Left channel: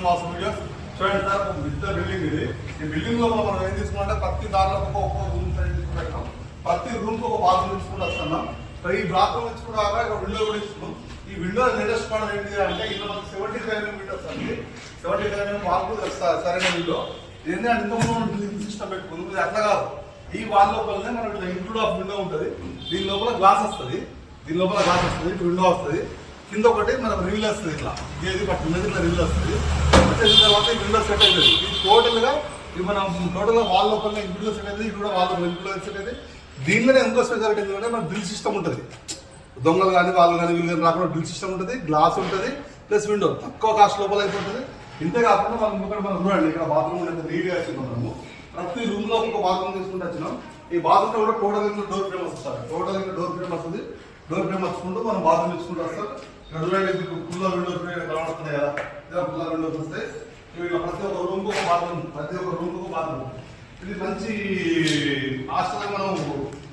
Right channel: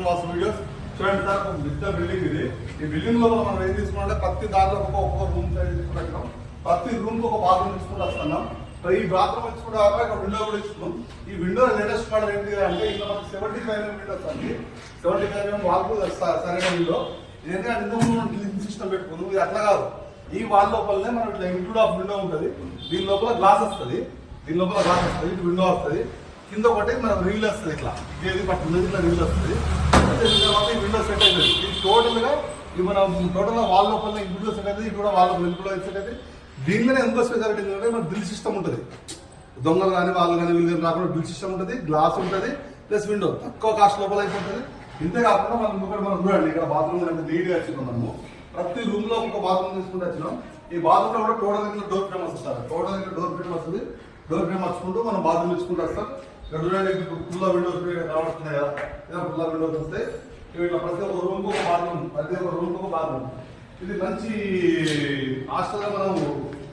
To watch videos. చూడండి sir, ఒక పెద్ద బిల్డింగ్ ఇది. ఈ బిల్డింగ్ లో మనం ఏం తీసుకున్నాం, ప్రతి దాంట్లో ఒక్కొక్క రూమ్ తీసుకుంటున్నాం. ప్రతి రూమ్ కు ఒక బాత్రూమ్ ఇచ్చుకుంటూ వస్తున్నాం. ఈ బాత్రూమ్ ఇచ్చుకుంటా ఒక విండో కూడా ఇస్తున్నాం. ఈ విండో లేటెస్ట్ మోడల్ ఏంటి అంటే ఇలా మనకి 75 mm విండోస్ అండి. 75 mm వాల్కు సరైన విండో. ఏంటంటే ఇంతకుముందు సిస్టమ్ పెట్టుకుంది, ఇది అట్లా కాదు. ఈ వాల్ లోపలనే మనం ఇట్లా ఇంక్లూడ్ ఆఫ్ విండో ఉంటుంది. దీని లోపల గ్లాస్ వస్తుంది, ఇటు విండో వస్తుంది. కింద ఒకటి మనకు రివిల్ వస్తుంది, ఇట్లా ఇది పట్టుకున్నది ఇట్లా రివిల్ వస్తుంది. వచ్చేసిన తర్వాత ఈ విండో సెట్ అవుతుంది. ఇది టోటల్గా ఇది మనం టోటల్గా వాల్ లోపల విండో సెట్ అవుతుంది. ఇది కూడా వాల్ లోపల ఇంక్లూడ్ సెట్ అవుతుంది. దీనిలోనే ఇంకో స్పెషాలిటీ ఏంటంటే మన డ్రిల్ సిస్టమ్ ఉంటుంది. దొంగలు కానీ వాళ్ళు కానీ వీళ్ళు కానీ రాకుండా డ్రిల్ సిస్టమ్ ఉంటుంది, గ్లాస్ ఉంటుంది, ప్లస్ విండో తక్కువ కాస్ట్ లోపల అయిపోతుంది. ఇంతే కాకుండా మనం చూడండి, ఇక్కడ బాత్రూమ్ ఉంటుంది, నీట్గా వచ్చినాం. మనము ప్రతి రూమ్ లో ఒక బాత్రూమ్ తీసుకుంటూ వచ్చినాం. ఈ బాత్రూమ్ లో కూడా టోటల్ డోర్ ఫ్రేమ్ వస్తుంది. డోర్ ఫ్రేమ్ వచ్చుకుంటూ మనం బాత్రూమ్ ఇచ్చుకుంటూ వస్తాం. ఇక్కడ చూడండి, ఫుల్ విండోస్ కనబడుతున్నాయి కదా, ఇలా ఫుల్ విండోస్ వస్తాయి. ఇట్లా ప్రతి ఒక్క రూమ్ కు ఒక బాత్రూమ్, ఇది మంచి హాస్టల్ గా మనం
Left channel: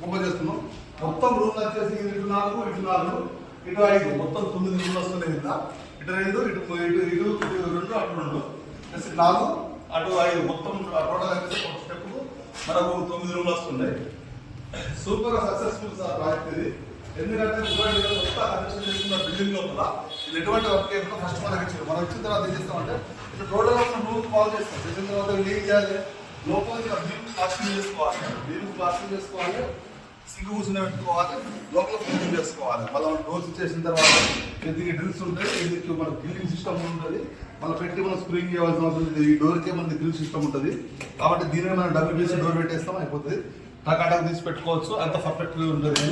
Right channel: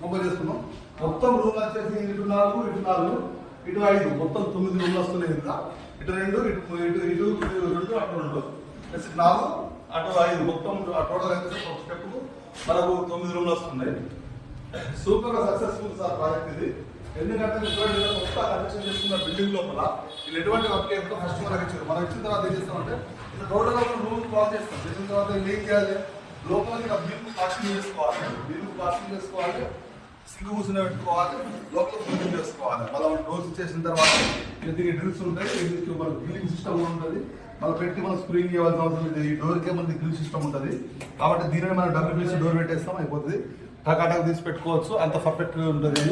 ఓపెన్ చేస్తున్నాం. మొత్తం రూమ్ వచ్చేసి ఇటు 4 ఇటు 5 మొత్తం 9 రూమ్లు వస్తున్నాయి. ఇటు 2 ఇటు 2 అటు 2 ప్లస్ 4 అటు 5 మొత్తం టోటల్ వచ్చేసి ఒక స్టెప్ మనకు 9 రూమ్లు వస్తున్నాయి. సూపర్ గా సక్సెస్ఫుల్ సార్ ప్రాజెక్ట్ ఇది. ఎందుకంటే కొత్త కనెక్షన్ చేసుకున్న బిల్డింగ్ లోపల ఇది ఎటువంటి వర్క్ చేయకుండా ఫస్ట్ మనకి ఇచ్చారు. మనం ఇచ్చిన తర్వాత ఏం చేస్తామంటే ఇప్పుడు టోటల్ మనం రూమ్ కాల్ చేస్తాం. చేసిన తర్వాత ఏం చేయాలి, లోపలికి నీళ్ళు ప్లాస్టింగ్ చేసుకోవాలి, సింగ్ కూర్చుని పెట్టుకోవాలి, లోపల క్లీన్ చేసుకోవాలి. మళ్ళీ డోర్స్ ఇచ్చేసిన తర్వాత దీనికి డ్రిల్స్ ఉంటాయి. ఇది మన బిల్డింగ్ సిస్టమ్ ఉంటుంది. మనం పెట్టి మనం స్ప్రింగ్ చేయాల్సిన అవసరం లేదు. ఈ డోర్కే మనకి గ్రిల్ సిస్టమ్ ఉంటుంది. కాబట్టి దీనిని మనం WPC డోర్ పెట్టేస్తాం, అయిపోతుంది. టకాటక్ తీసి పెట్టుకోవచ్చు, అంత పర్ఫెక్ట్ గా ఉంటుంది.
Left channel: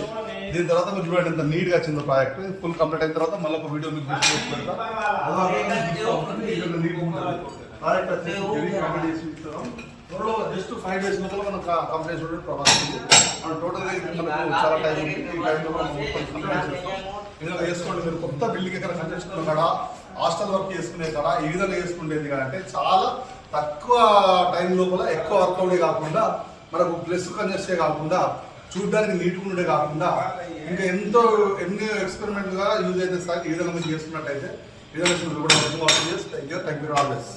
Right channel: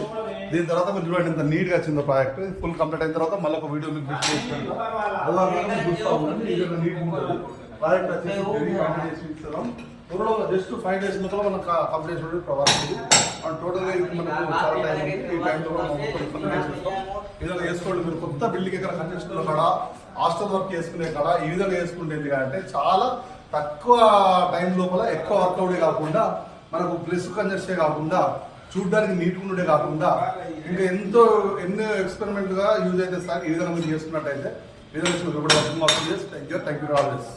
దీని తర్వాత మీరు చూడండి ఎంత నీట్ గా వచ్చిందో ప్రాజెక్ట్. ఫుల్ కంప్లీట్ అయిన తర్వాత మళ్ళీ ఒక వీడియో మీకు చూస్తూ ఉంటుంది. నీట్ ఉంటుంది ప్రాజెక్ట్ వచ్చేసి కంప్లీట్ చేసి ఇస్తున్నాం. త్వరలో జస్ట్ 5 days లోపల మనం కంప్లీట్ చేయడం ప్రవర్తింది. టోటల్గా మనకు చాలా టైం ఉంది. ఈ టైంలో కంప్లీట్ చేస్తాం. ఏదైనా చేసుకోండి, మీరు కొత్త బిల్డింగ్ ఎక్కడ కట్టించుకునే కాడ, హాస్టల్ వర్క్ చేసుకునే కాడ ఈ విధంగా చేసుకునేది అంటే చాలా తక్కువ టైం లోపల ఎక్కువ వర్క్ అవుడే కాకుండా, మనకు ప్లస్ కంజెస్టే కాకుండా, చూడడానికి నీట్గా ఉండే కాకుండా, ఇంకా ఎన్నో ఎక్స్పెరిమెంట్ గా యూజ్ అయితే ఈ విధంగా మీరు చేసుకున్నట్టయితే థ్యాంక్ యూ ఆల్వేస్.